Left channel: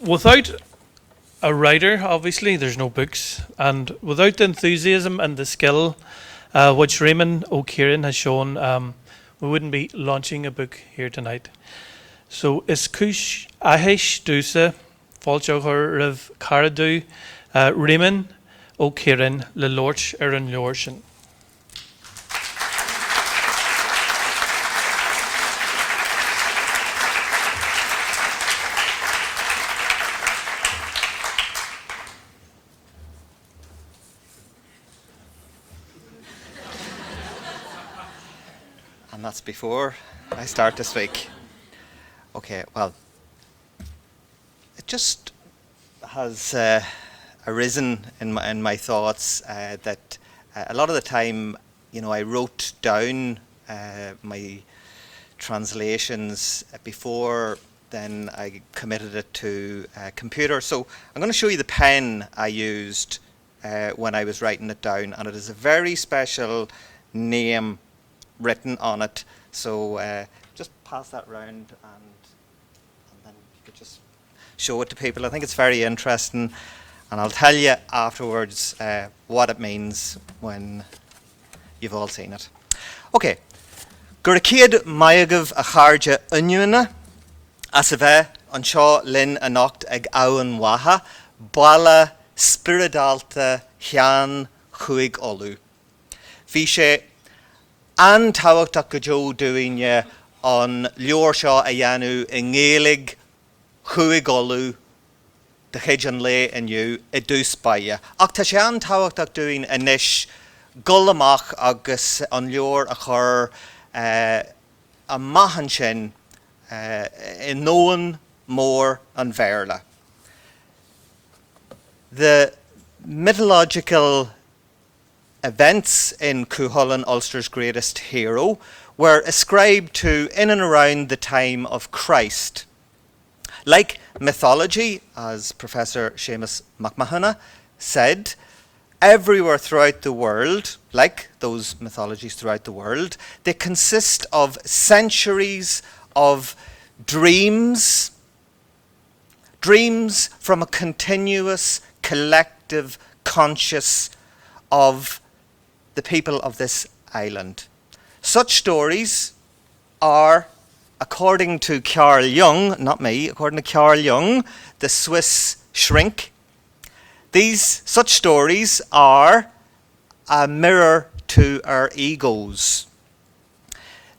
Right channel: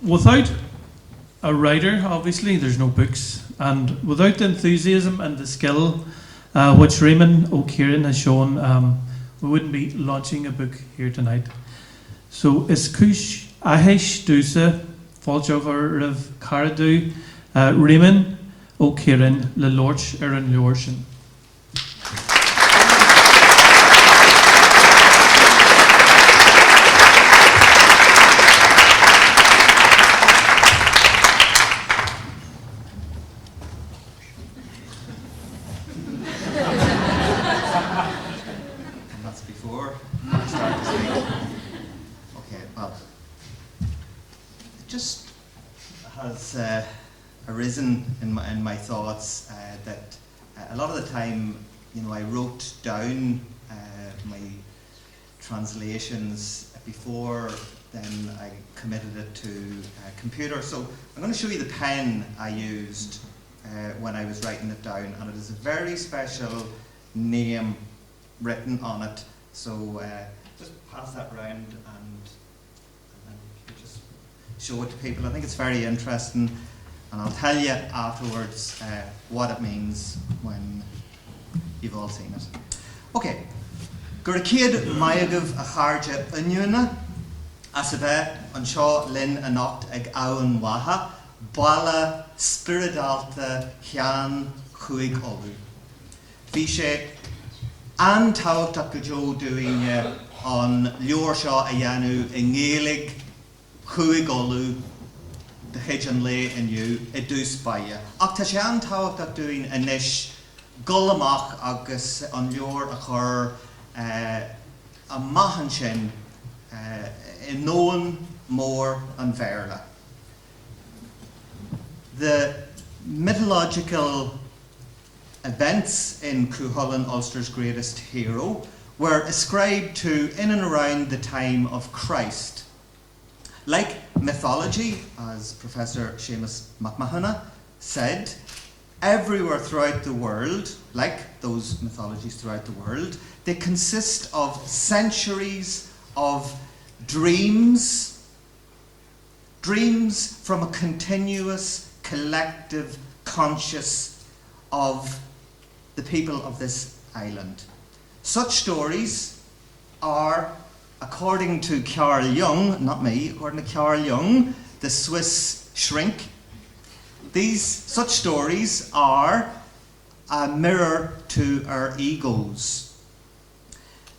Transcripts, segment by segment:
without a writer, obviously, there's no books. And without the enthusiasm and the skill which Réamonn O'Ciaráin has shown, we wouldn't be launching a book here tonight. So, is Cúch Ahish Dusa, Fáilte Rav Caradu, Réamonn O'Ciaráin, Le Lorch Erin Lorchen. Before I start this week. Okay, well, it just has arisen in my thoughts that a lot of the time, I wrote down my translations before then I committed it to a computer. So I'm going to show you the pen I used when I was writing it down, and it is a very special name written on it. So just pass that round and then you could just show it to people. I think it's very interesting, and I'll tell you afterwards what it means when you've all seen it. Okay. Gurkid Mayagav a Charja Unyuna, as a bheith an seo Linn a nocht ag Abhainn Watha, Bala Spiridalta Chean Chuig Olu. Bhí sé antáhachtach go Joe Dúine an leor seo a dhéanú I ngélig Chuig Olu de chéid an lé inniu I dús baile. Ach tá sé antáhachtach dúin inis gol amach agus an leor a chur a maithan sin I nóan mór an bhéarla. The mythological events in Cúchulainn, Ulster's greatest hero, were ascribed to in and around the time of Christ. Like mythology, as Professor Seamus McMahon said, everywhere throughout the world, like those mythologies throughout the world, they consist of centuries of dreams from a continuous collective conscious of the people of this island. Such stories are, according to Carl Jung, not me, according to Carl Jung, the Swiss shrink, such stories are a mirror to our egos.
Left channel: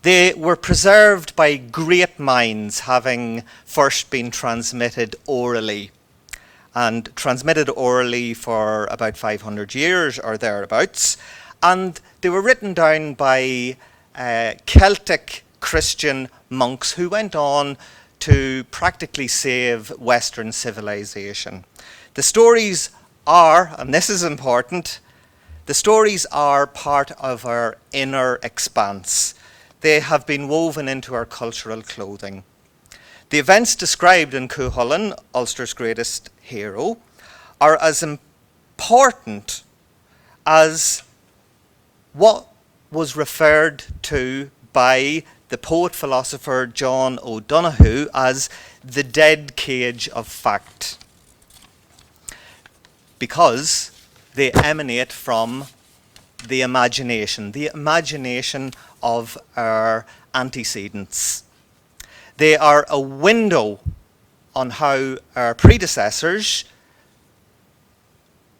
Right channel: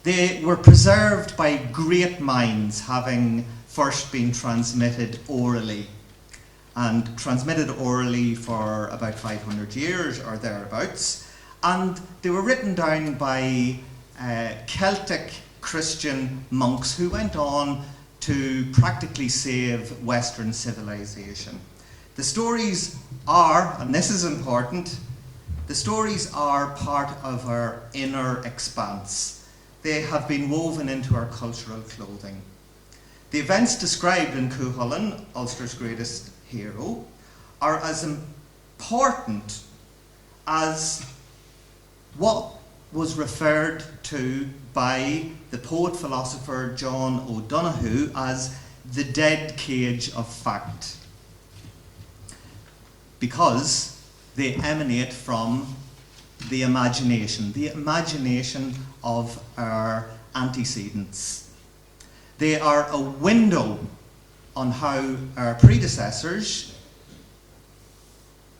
They were preserved by great minds, having first been transmitted orally, and transmitted orally for about 500 years or thereabouts. And they were written down by Celtic Christian monks who went on to practically save Western civilization. The stories are, and this is important, the stories are part of our inner expanse. They have been woven into our cultural clothing. The events described in Cúchulainn, Ulster's greatest hero, are as important as what was referred to by the poet-philosopher John O'Donoghue as the dead cage of fact, because they emanate from the imagination of our antecedents. They are a window on how our predecessors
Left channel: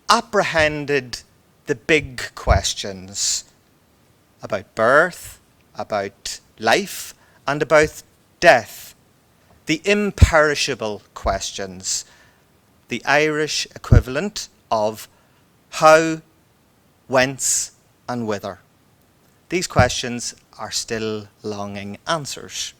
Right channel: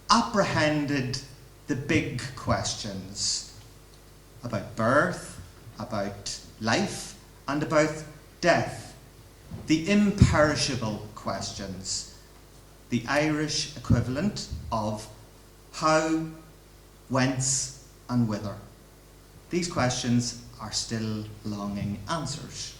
apprehended the big questions about birth, about life, and about death. The imperishable questions, the Irish equivalent of how, whence, and whither. These questions are still longing answers.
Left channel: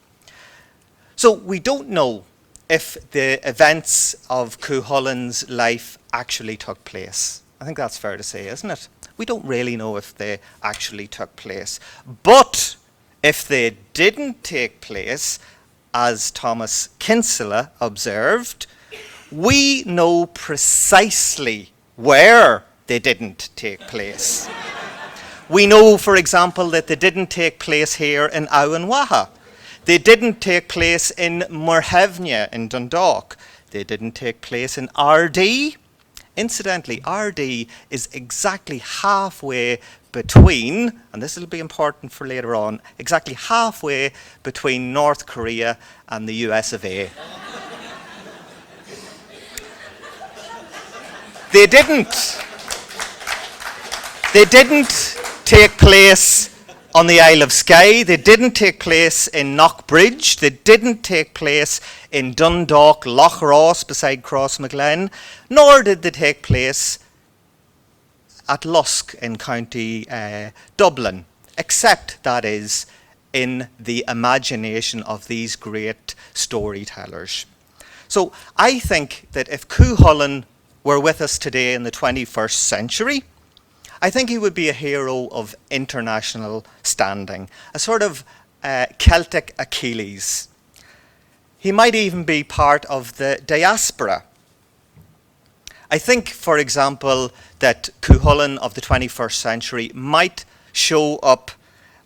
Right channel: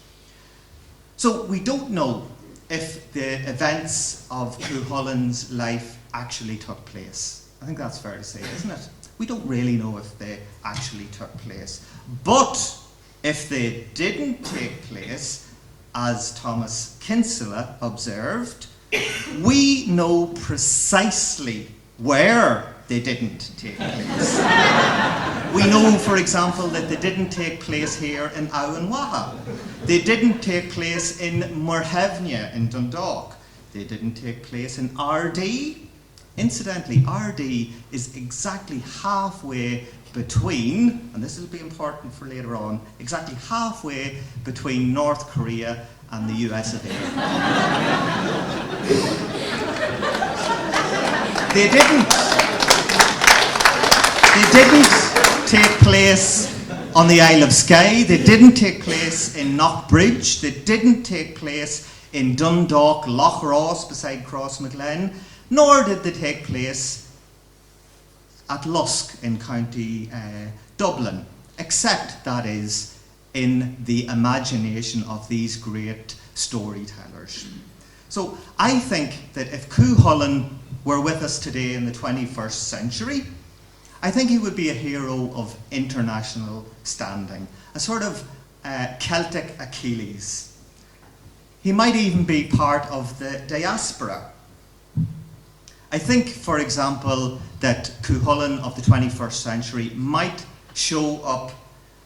So we don't know if the events of Cúchulainn's life actually took place. I think that's fair to say, isn't it? We don't really know if they actually took place. But if they didn't take place, as Thomas Kinsella observed, we know precisely where they didn't take place. We know, for example, that they didn't take place here in Abhainn Watha. They didn't take place in Muirthemne in Dundalk. They didn't take place in RD. Incidentally, RD is exactly halfway between, and this will be important for later on, exactly halfway between North Korea and the US of A. They didn't take place on the Isle of Skye. They didn't take place in Knockbridge. They didn't take place in Dundalk, Loch Ross beside Crossmaglen, nor did they take place at Lusk in County Dublin, except, that is, in the imagination of these great storytellers. So I think that if Cúchulainn were with us today in the 21st century, I think he would be a hero of international standing, a sort of Celtic Achilles. He might even be part of the diaspora. I think, for example, that Cúchulainn of the 21st century might show up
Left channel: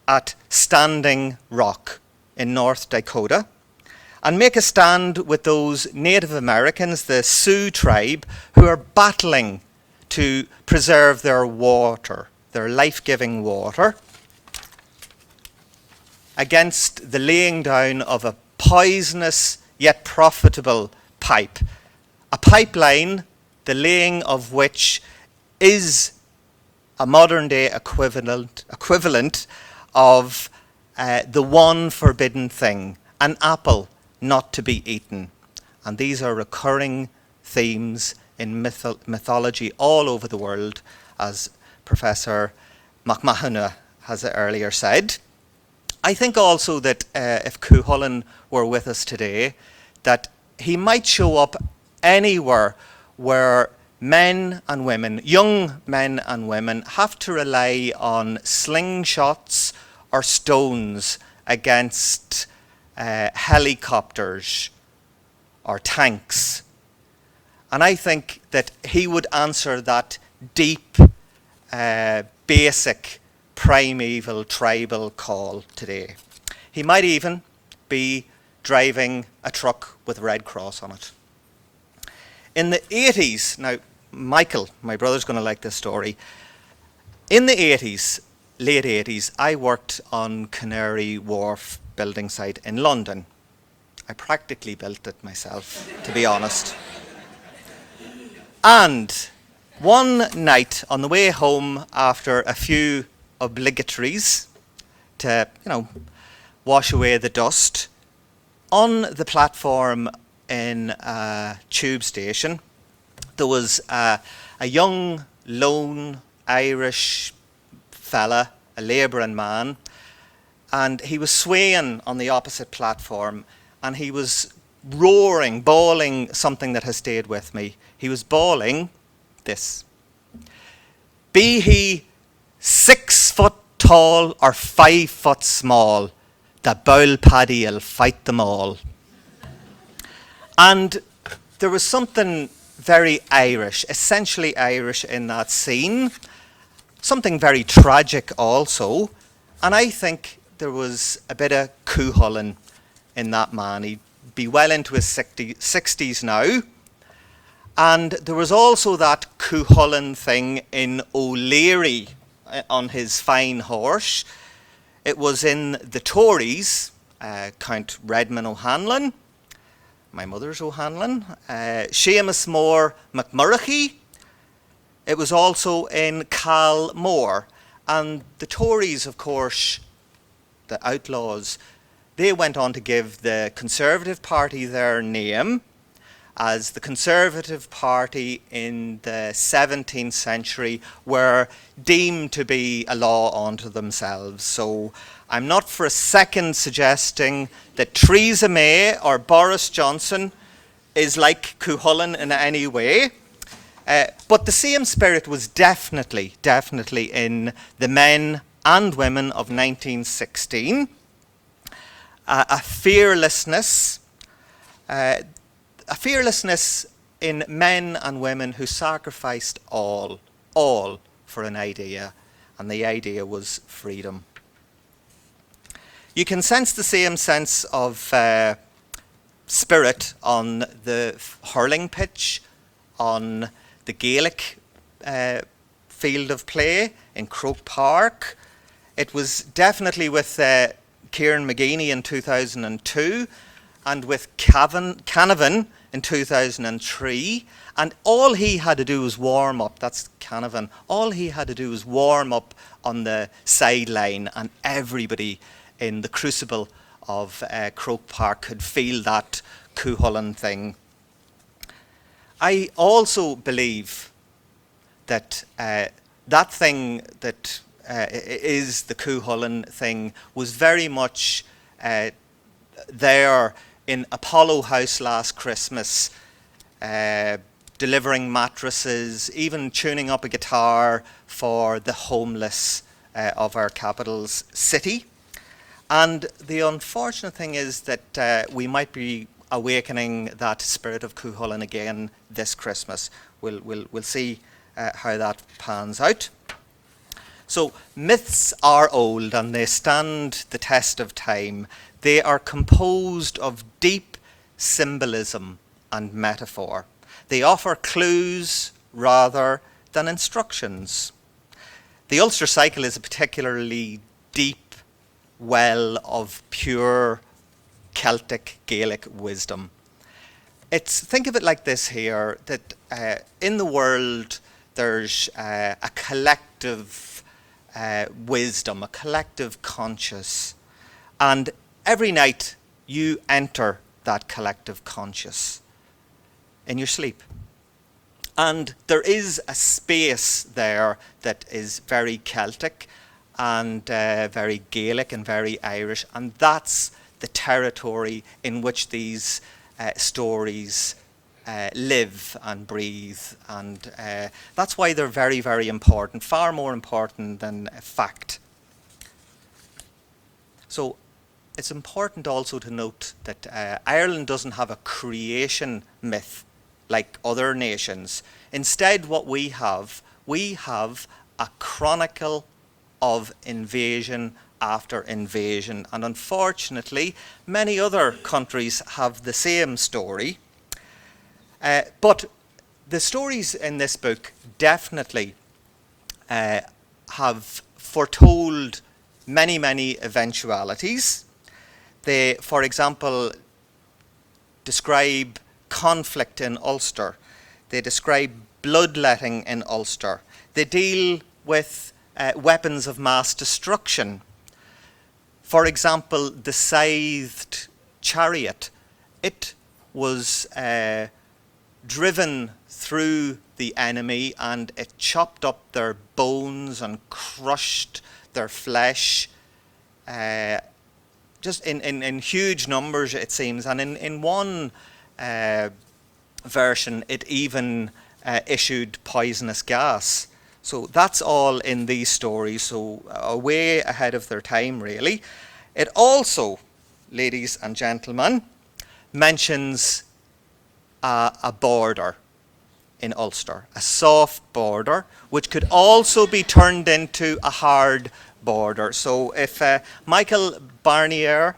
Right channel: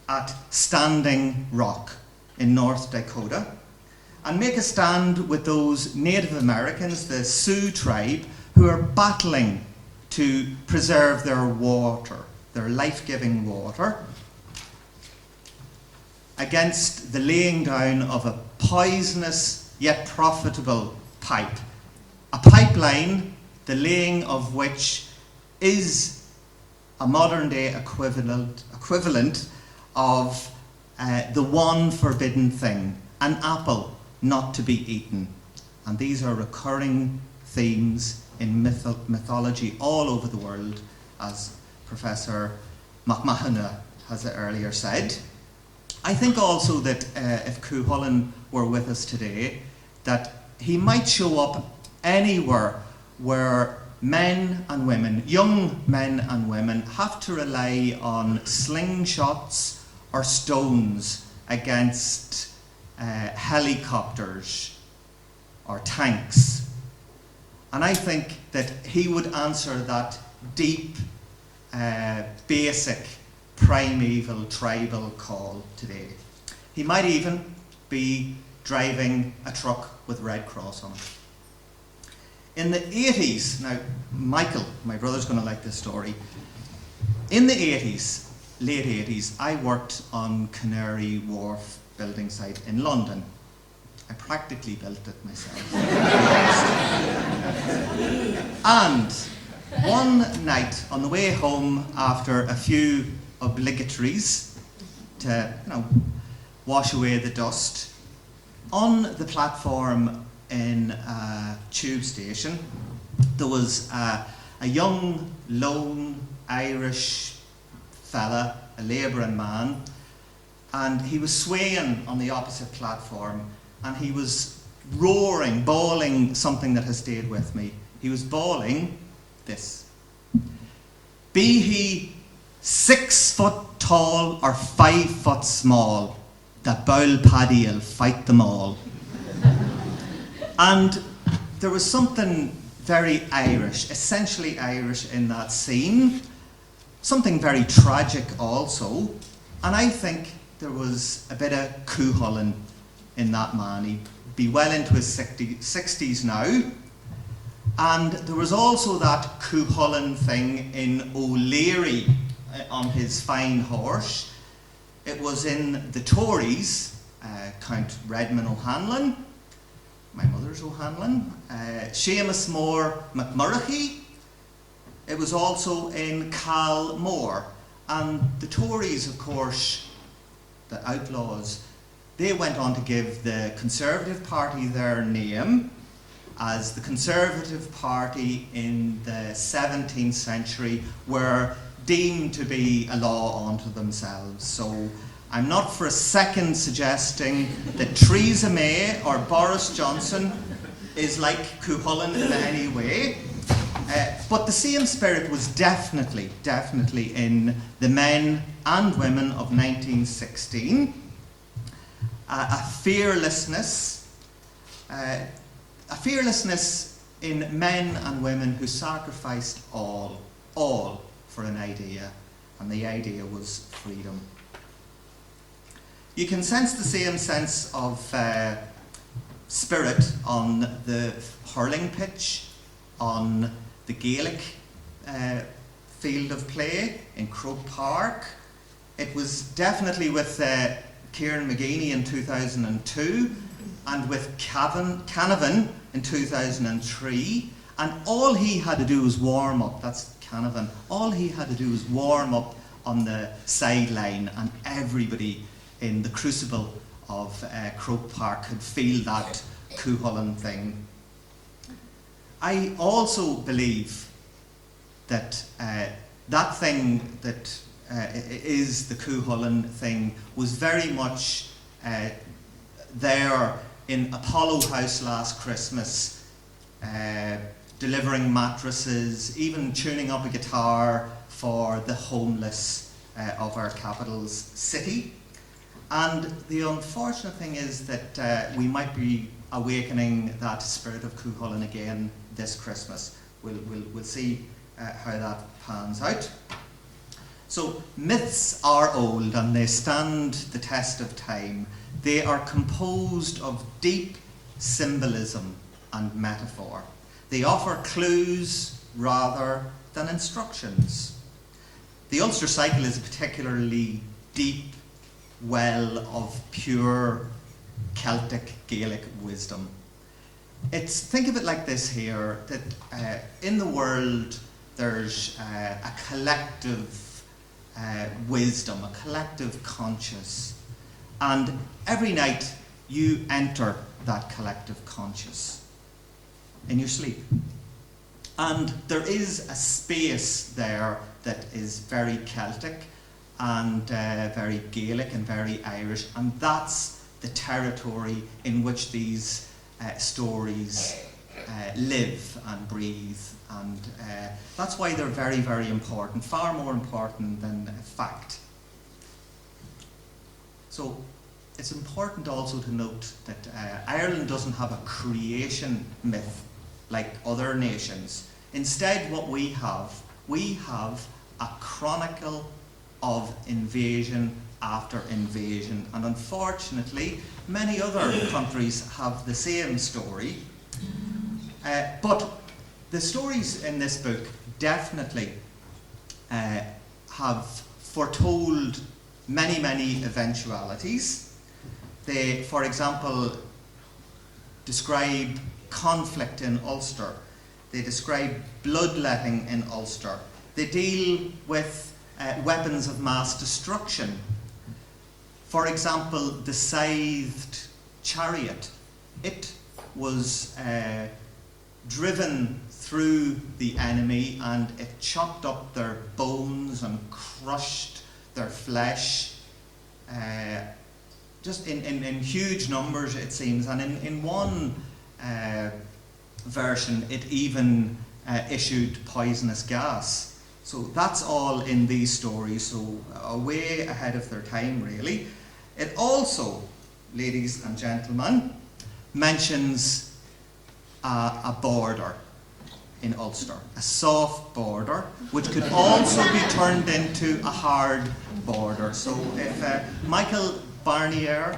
at Standing Rock in North Dakota and make a stand with those Native Americans, the Sioux tribe, who are battling to preserve their water, their life-giving water, against the laying down of a poisonous yet profitable pipe. A pipeline, the laying of which is a modern-day equivalent of the one forbidden thing, an apple not to be eaten. And these are recurring themes in mythology all over the world, as Professor McMahon has earlier said. I think also that if Cúchulainn were with us today, that he might show up anywhere where men and women, young men and women, have to rely on slingshots or stones against helicopters or tanks. And I think that he would answer that deep, basic, primeval, tribal call today. He might even be driving a truck with Red Cross on it. In the 80s, now Michael, my brother's going to like this story. In the 80s, late 80s, I worked on Canary Wharf building site in London. I practically built it myself, to be honest. And one night on the way home after a few obligatories to, wash away the dust, on the platform in a tube station, there was a young, lone Irish fella, a labouring man, and he was swaying on the opposite platform, and he was roaring, bawling something that has stayed with me. He was bawling this: "Be he 6 foot tall or 5 foot small, the bowl paddy'll fight them all." And there was something very Irish, essentially Irish in that scene, something very tragic also, and I think there was a bit of Cúchulainn in that man. He'd be well into his 60s now, and there was also that Cúchulainn thing in O'Leary on his fine horse. It was in the Tories, Count Redmond O'Hanlon, my mother's O'Hanlon, Seamus Mór McMurroughy. It was also in Cal Mór. And the Tories, of course, the Outlaws, they went on to give the Conservative Party their name, as the Conservative Party in the 17th century were deemed to be a law unto themselves. So I'm not for a second suggesting that Theresa May or Boris Johnson is like Cúchulainn in any way. But the same spirit was definitely in the men and women of 1916. A fearlessness in men and women who sacrificed all for an idea, and the idea was freedom. You can sense the same sense of spirit on the hurling pitch, on the Gaelic field of play in Croke Park. It was definitely with Kieran McGeeney in 2002 and with Canavan in 2003. And all he had to do was warm up. That's Canavan. All he had to do was warm up on the sideline, and everybody in the crucible of Croke Park could feel that Cúchulainn thing. I also believe that that thing that is the Cúchulainn thing was very much there in Apollo House last Christmas, delivering mattresses, even tuning up a guitar for the homeless of our capital's city. And the unfortunate thing is that we might be awakening that spirit of Cúchulainn again this Christmas. We'll see how that pans out. So myths are old and they stand the test of time. They are composed of deep symbolism and metaphor. They offer clues rather than instructions. The Ulster cycle is a particularly deep well of pure Celtic Gaelic wisdom. Think of it like this here, that in the world there's a collective wisdom, a collective conscious, and every night you enter that collective conscious in your sleep. And there is a space there that is very Celtic and very Gaelic and very Irish, and that's the territory in which these stories live and breathe, and that's why they're very, very important, far more important than fact. So it's important also to note that Ireland doesn't have a creation myth like other nations. Instead, what we have a chronicle of invasion after invasion, and unfortunately many other countries have the same story. But the stories in this book definitely have foretold many, many eventualities. They, for example, describe conflict in Ulster. They describe bloodletting in Ulster. They deal with weapons of mass destruction. For example, the scythed chariot. It was driven through the enemy, and it chopped up their bones and crushed their flesh, just in huge numbers, it seems. And in one version, it even issued poisonous gas. So that's all in these stories, so way ahead of their time, really. It also, ladies and gentlemen, mentions a border in Ulster, a soft border, which could also be turned into a hard border. So if Michael Barnier,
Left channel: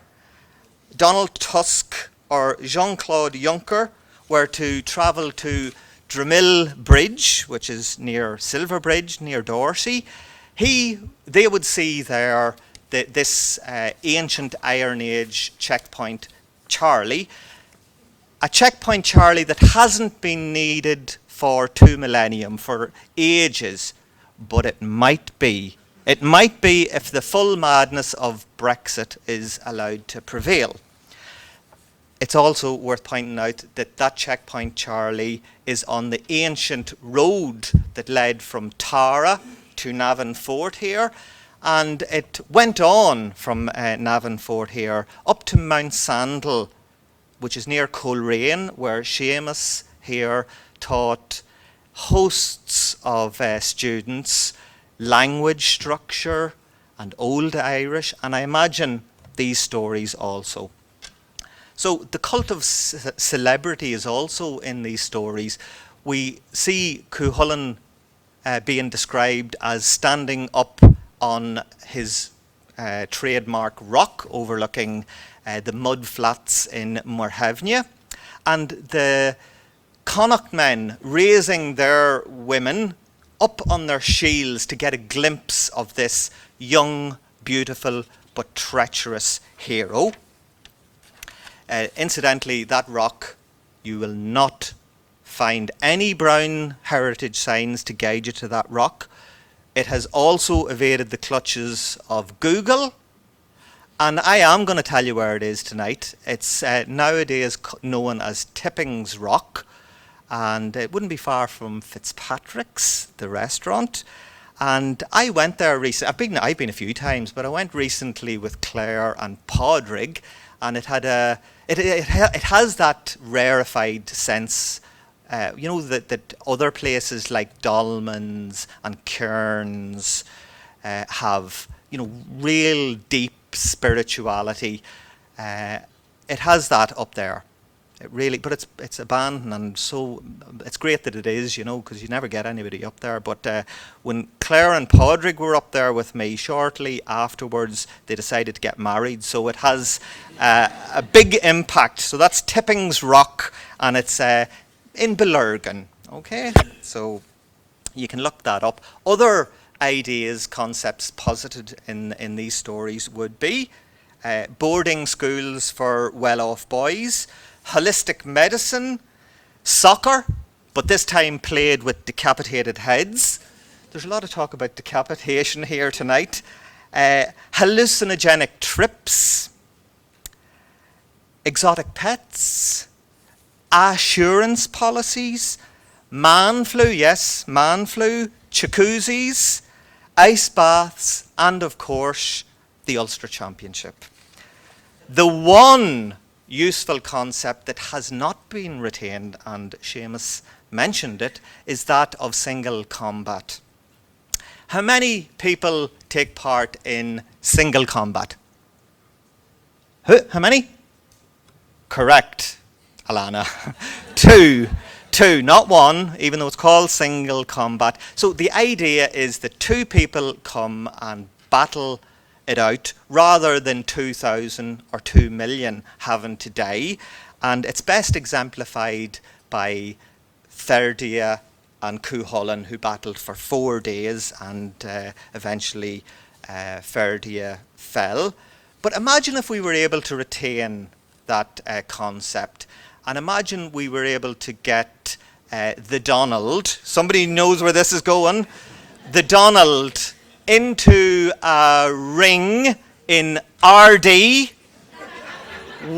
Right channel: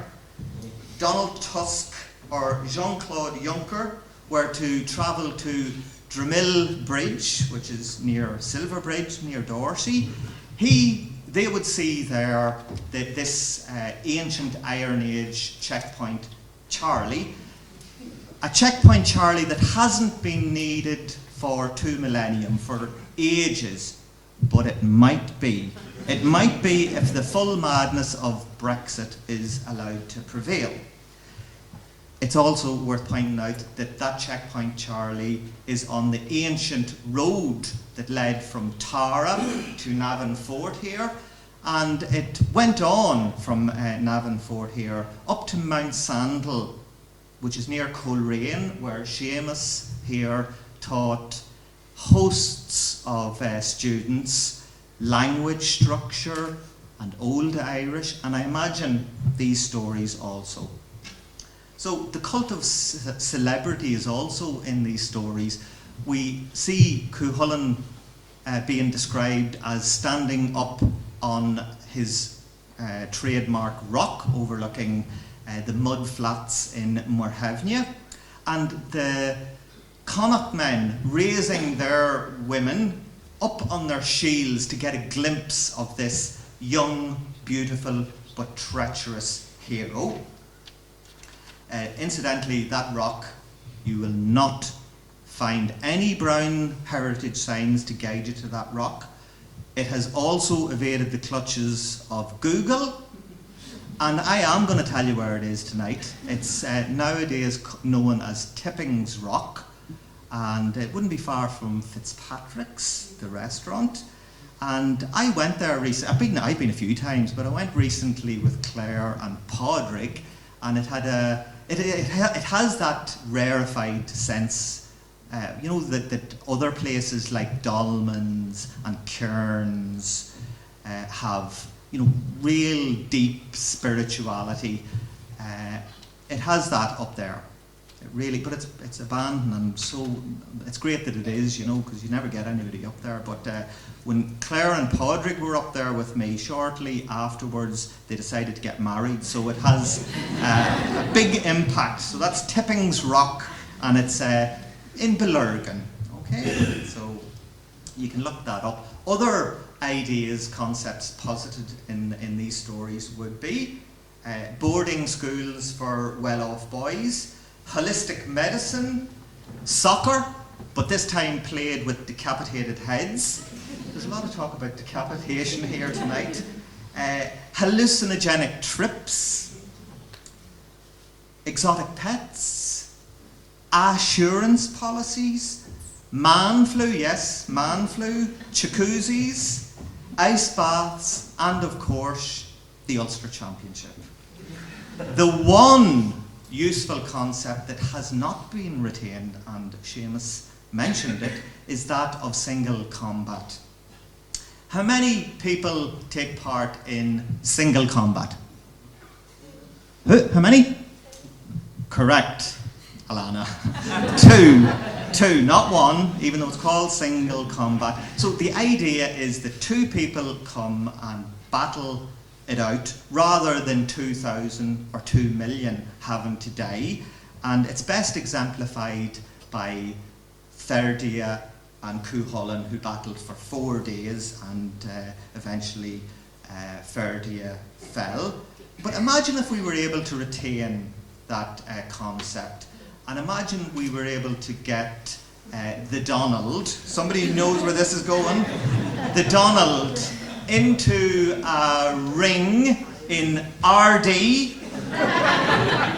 Donald Tusk, or Jean-Claude Juncker were to travel to Dromil Bridge, which is near Silverbridge, near Dorsey, they would see there this ancient Iron Age checkpoint Charlie, a checkpoint Charlie that hasn't been needed for 2 millennium, for ages, but it might be. It might be if the full madness of Brexit is allowed to prevail. It's also worth pointing out that that checkpoint Charlie is on the ancient road that led from Tara to Navan Fort here, and it went on from Navan Fort here up to Mount Sandal, which is near Coleraine, where Seamus here taught hosts of students language structure and Old Irish, and I imagine these stories also. So the cult of celebrity is also in these stories. We see Cúchulainn being described as standing up on his trademark rock overlooking the mud flats in Morhevnia, and the Connacht men raising their women up on their shields to get a glimpse of this young, beautiful, but treacherous hero. Incidentally, that rock, you will not find any brown heritage signs to guide you to that rock. It has also evaded the clutches of Google, and I am going to tell you where it is tonight. It's nowadays known as Tipping's Rock, and it wouldn't be far from Fitzpatrick's, the restaurant. And I went there recently. I've been a few times, but I went recently with Claire and Padraig, and it has that rarefied sense. That other places like Dolmans and Cairns have, real deep spirituality. It has that up there. It really, but it's abandoned, and so it's great that it is, because you never get anybody up there. But when Claire and Padraig were up there with me, shortly afterwards they decided to get married, so it has a big impact. So that's Tipping's Rock, and it's in Belurgan, okay? So you can look that up. Other ideas, concepts posited in these stories would be boarding schools for well-off boys, holistic medicine, soccer, but this time played with decapitated heads. There's a lot of talk about decapitation here tonight. Hallucinogenic trips, exotic pets, assurance policies, man flu, jacuzzis, ice baths, and of course, the Ulster Championship. The one useful concept that has not been retained, and Seamus mentioned it, is that of single combat. How many people take part in single combat? How many? Correct, Alana. Two, not one, even though it's called single combat. So the idea is that two people come and battle it out rather than 2,000 or 2 million having to die. And it's best exemplified by Ferdia and Cúchulainn, who battled for 4 days, and eventually Ferdia fell. But imagine if we were able to retain that concept, and imagine we were able to get the Donald, somebody knows where this is going, the Donald into a ring in RD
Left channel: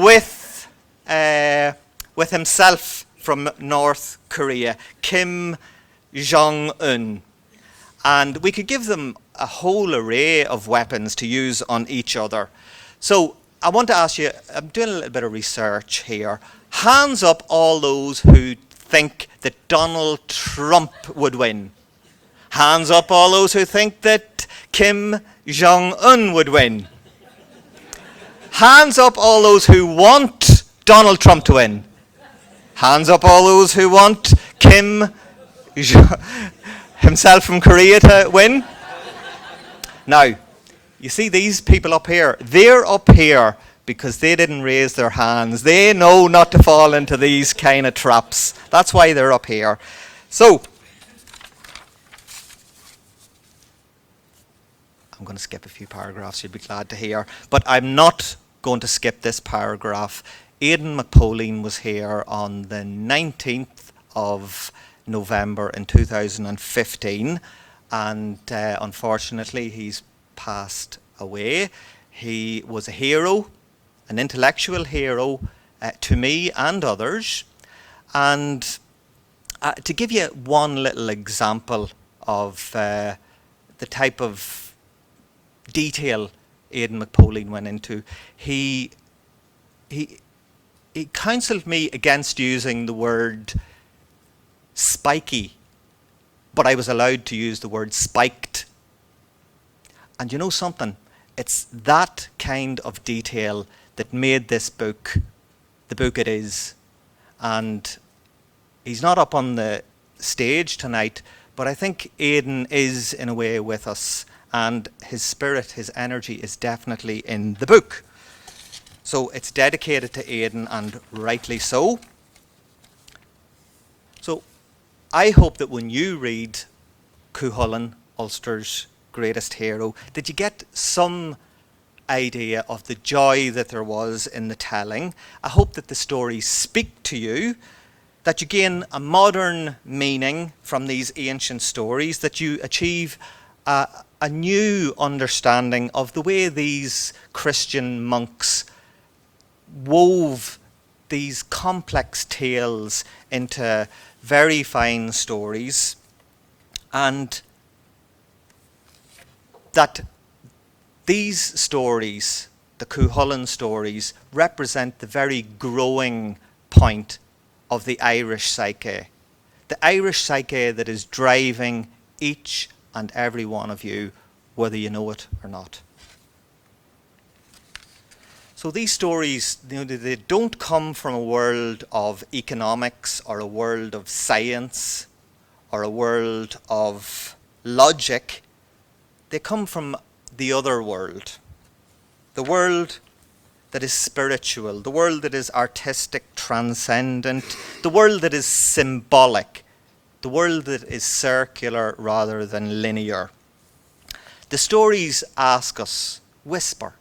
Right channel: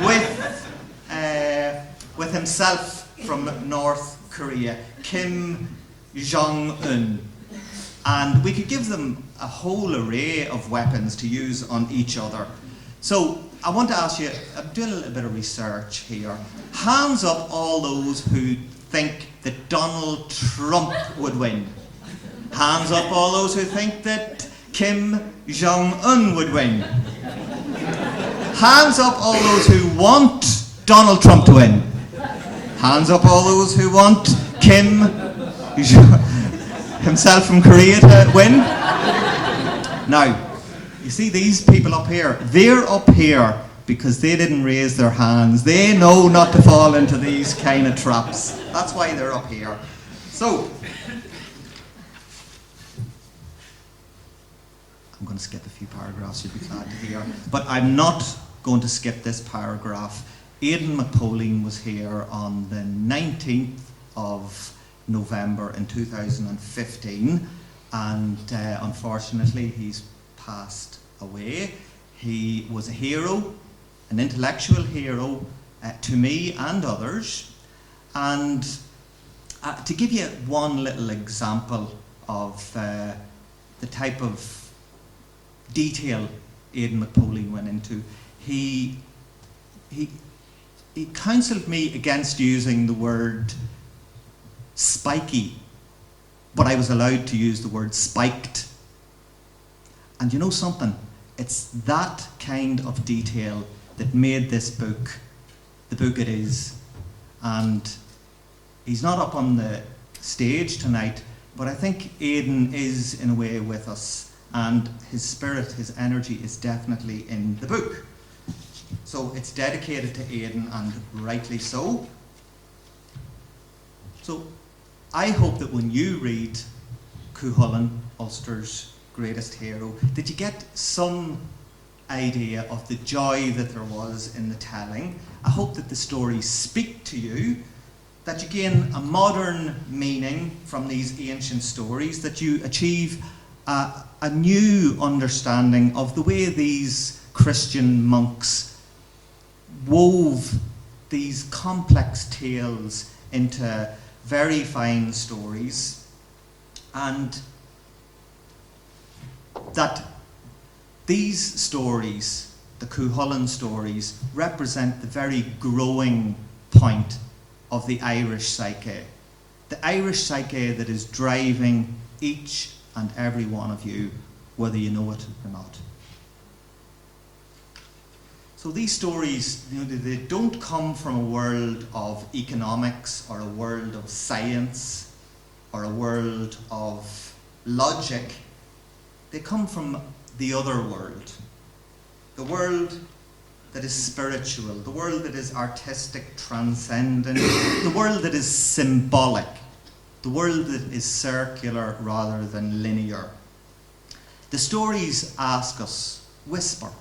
with himself from North Korea, Kim Jong-un. And we could give them a whole array of weapons to use on each other. So I want to ask you, I'm doing a little bit of research here. Hands up all those who think that Donald Trump would win. Hands up all those who think that Kim Jong-un would win. Hands up all those who want Donald Trump to win. Hands up all those who want Kim himself from Korea to win. Now, you see these people up here, they're up here because they didn't raise their hands. They know not to fall into these kind of traps. That's why they're up here. So, I'm going to skip a few paragraphs, you'd be glad to hear. But I'm not going to skip this paragraph. Aidan McPolleen was here on the 19th of November in 2015, and unfortunately he's passed away. He was a hero, an intellectual hero to me and others. And to give you one little example of the type of detail Aidan McPolleen went into, he counselled me against using the word spiky, but I was allowed to use the word spiked. And you know something? It's that kind of detail that made this book the book it is. And he's not up on the stage tonight, but I think Aidan is in a way with us, and his spirit, his energy is definitely in the book. So it's dedicated to Aidan, and rightly so. So I hope that when you read Cúchulainn, Ulster's greatest hero, that you get some idea of the joy that there was in the telling. I hope that the stories speak to you, that you gain a modern meaning from these ancient stories, that you achieve a new understanding of the way these Christian monks wove these complex tales into very fine stories, and that these stories, the Cúchulainn stories, represent the very growing point of the Irish psyche. The Irish psyche that is driving each and every one of you, whether you know it or not. So these stories, they don't come from a world of economics or a world of science or a world of logic. They come from the other world, the world that is spiritual, the world that is artistic, transcendent, the world that is symbolic, the world that is circular rather than linear. The stories ask us, whisper.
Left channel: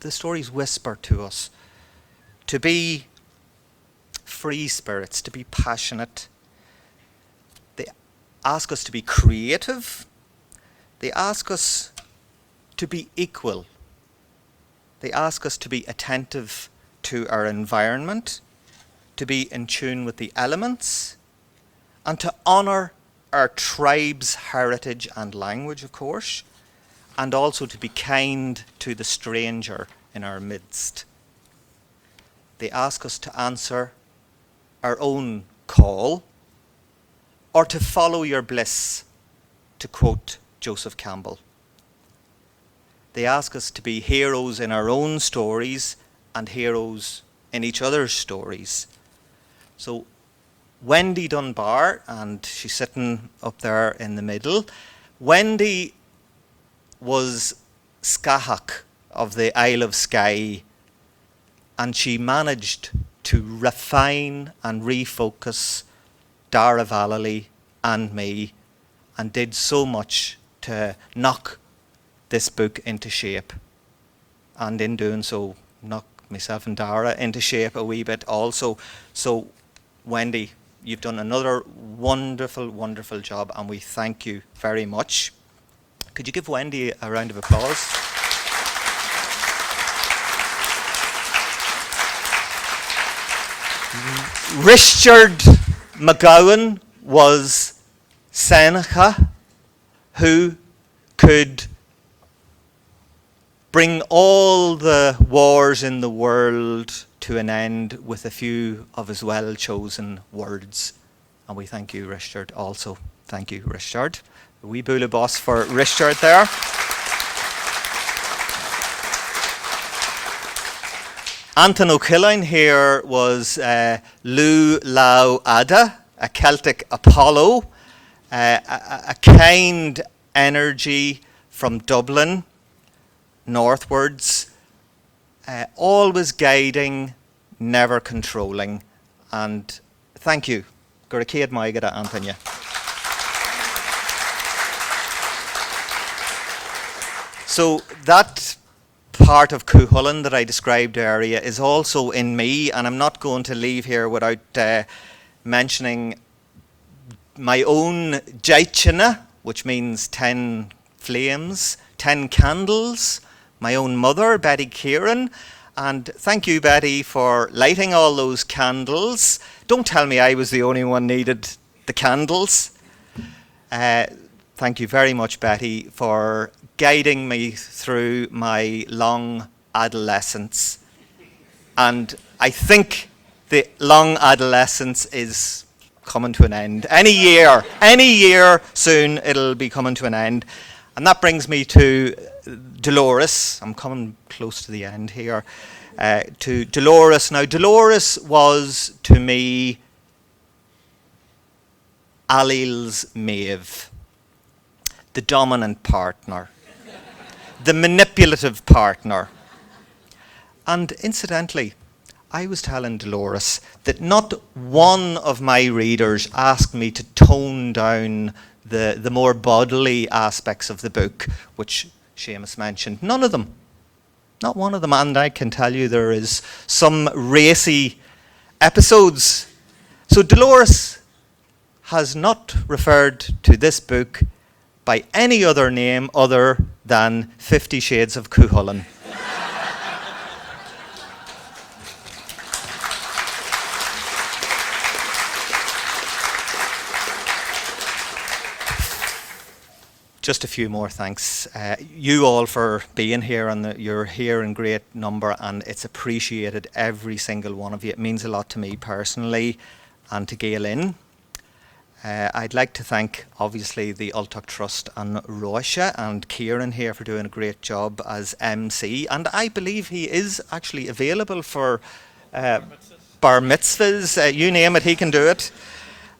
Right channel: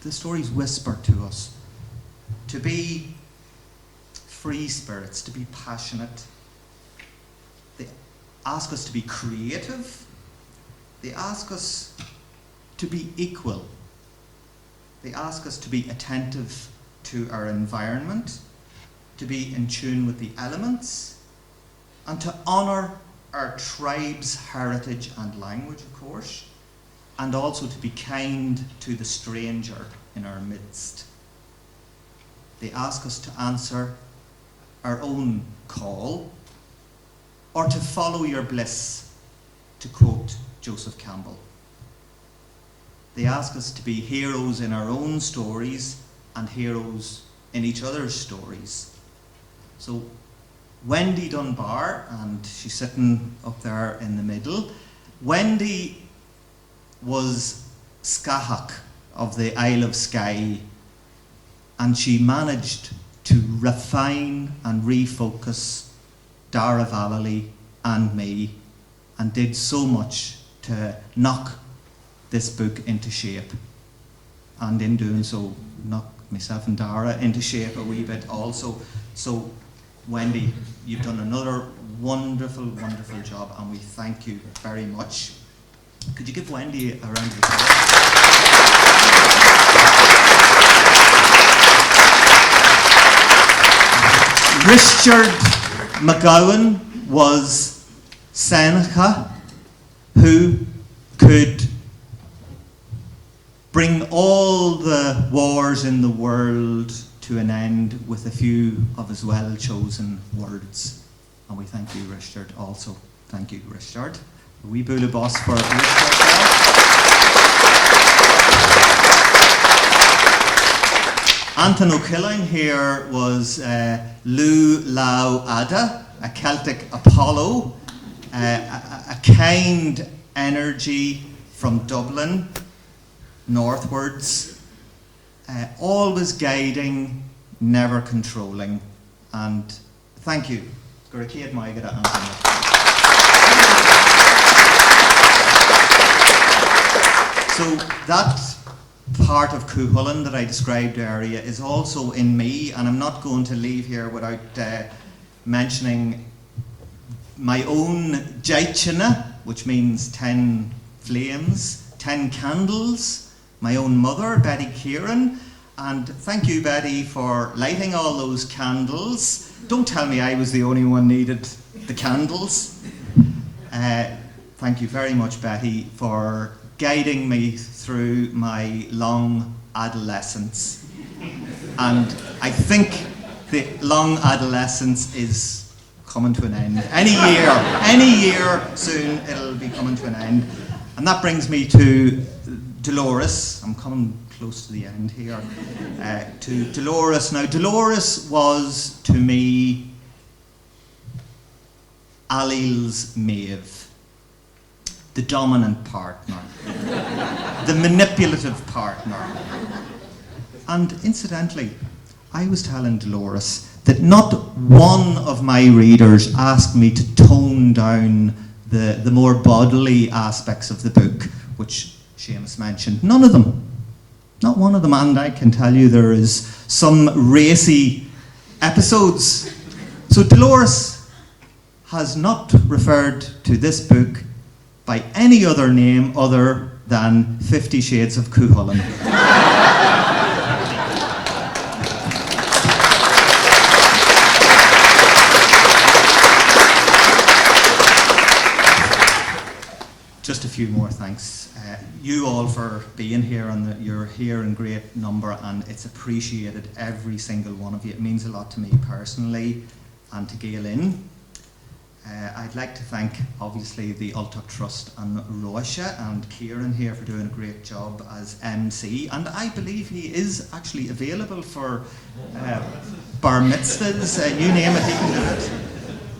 The stories whisper to us to be free spirits, to be passionate. They ask us to be creative. They ask us to be equal. They ask us to be attentive to our environment, to be in tune with the elements, and to honour our tribe's heritage and language, of course, and also to be kind to the stranger in our midst. They ask us to answer our own call, or to follow your bliss, to quote Joseph Campbell. They ask us to be heroes in our own stories and heroes in each other's stories. So Wendy Dunbar, and she's sitting up there in the middle, Wendy was Scahach of the Isle of Skye, and she managed to refine and refocus Dara Vallely and me, and did so much to knock this book into shape, and in doing so knock myself and Dara into shape a wee bit also. So Wendy, you've done another wonderful, wonderful job, and we thank you very much. Could you give Wendy a round of applause? Richard McGowan was Seneca, who could bring all the wars in the world to an end with a few of his well-chosen words. And we thank you, Richard, also. Thank you, Richard. A wee bula boss for Richard there. Anton O'Killine here was Lu Lau Ada, a Celtic Apollo, a kind energy from Dublin northwards, always guiding, never controlling. And thank you. Gurkid Maigada Antonia. So that part of Cúchulainn that I described earlier is also in me, and I'm not going to leave here without mentioning my own Jaichina, which means 10 flames, 10 candles, my own mother, Betty Kieran, and thank you, Betty, for lighting all those candles. Don't tell me I was the only one needed the candles. Thank you very much, Betty, for guiding me through my long adolescence. And I think the long adolescence is coming to an end. Any year soon it'll be coming to an end. And that brings me to Dolores. I'm coming close to the end here. To Dolores. Now, Dolores was to me Allel's Maeve, the dominant partner, the manipulative partner. And incidentally, I was telling Dolores that not one of my readers asked me to tone down the more bodily aspects of the book, which Seamus mentioned. None of them. Not one of them. And I can tell you there is some racy episodes. So Dolores has not referred to this book by any other name other than 50 Shades of Cúchulainn. Just a few more thanks. You all for being here, and you're here in great number, and it's appreciated, every single one of you. It means a lot to me personally and to Gael Linn. I'd like to thank, obviously, the Ultach Trust and Roisha and Ciaráin here for doing a great job as MC, and I believe he is actually available for bar mitzvahs, you name it, he can do it.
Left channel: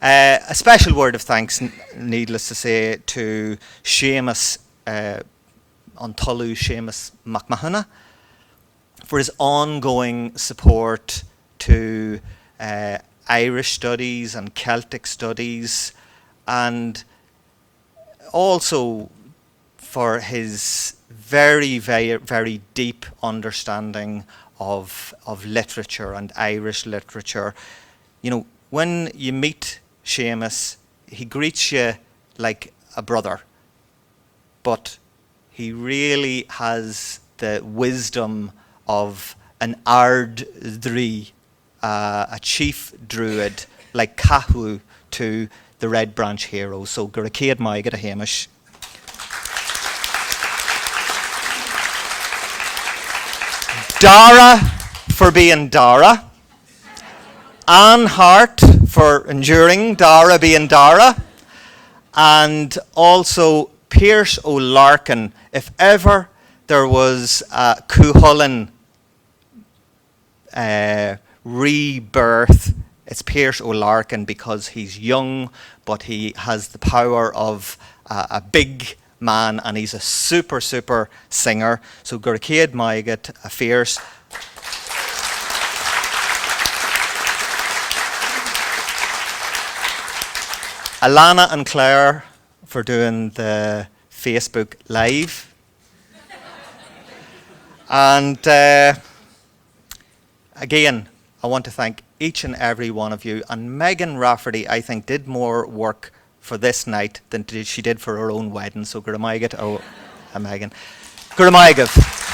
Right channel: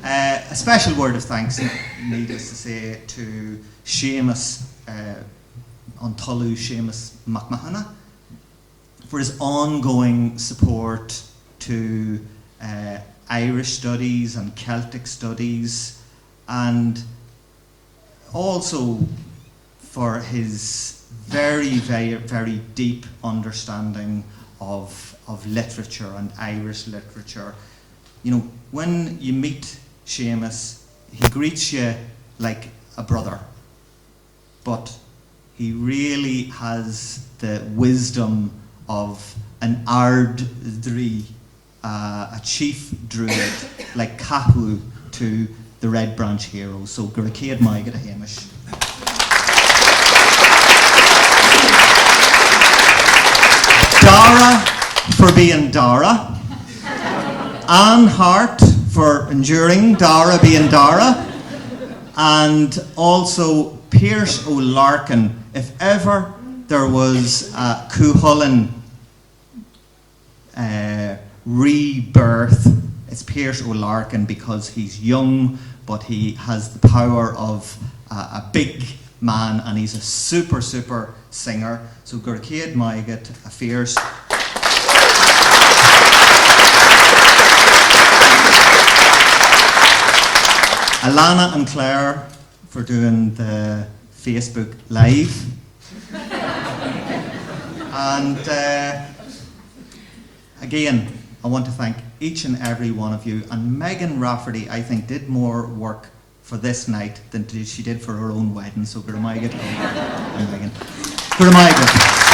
A special word of thanks, needless to say, to Seamus Antulu, Seamus McMahon, for his ongoing support to Irish studies and Celtic studies, and also for his very, very, very deep understanding of literature and Irish literature. You know, when you meet Seamus, he greets you like a brother, but he really has the wisdom of an Ard Drí, a chief druid, like Cahu to the Red Branch heroes. So Guracéad Maigad a Hamish. Dara for being Dara. Anne Hart for enduring Dara being Dara. And also Pierce O'Larkin. If ever there was a Cúchulainn rebirth, it's Pierce O'Larkin, because he's young, but he has the power of a big man, and he's a super, super singer. So Guracéad Maigad, a fierce. Alana and Claire for doing the Facebook Live. And again, I want to thank each and every one of you. And Megan Rafferty, I think, did more work for this night than she did for her own wedding. So Guramaigad, and Megan. Guramaigad.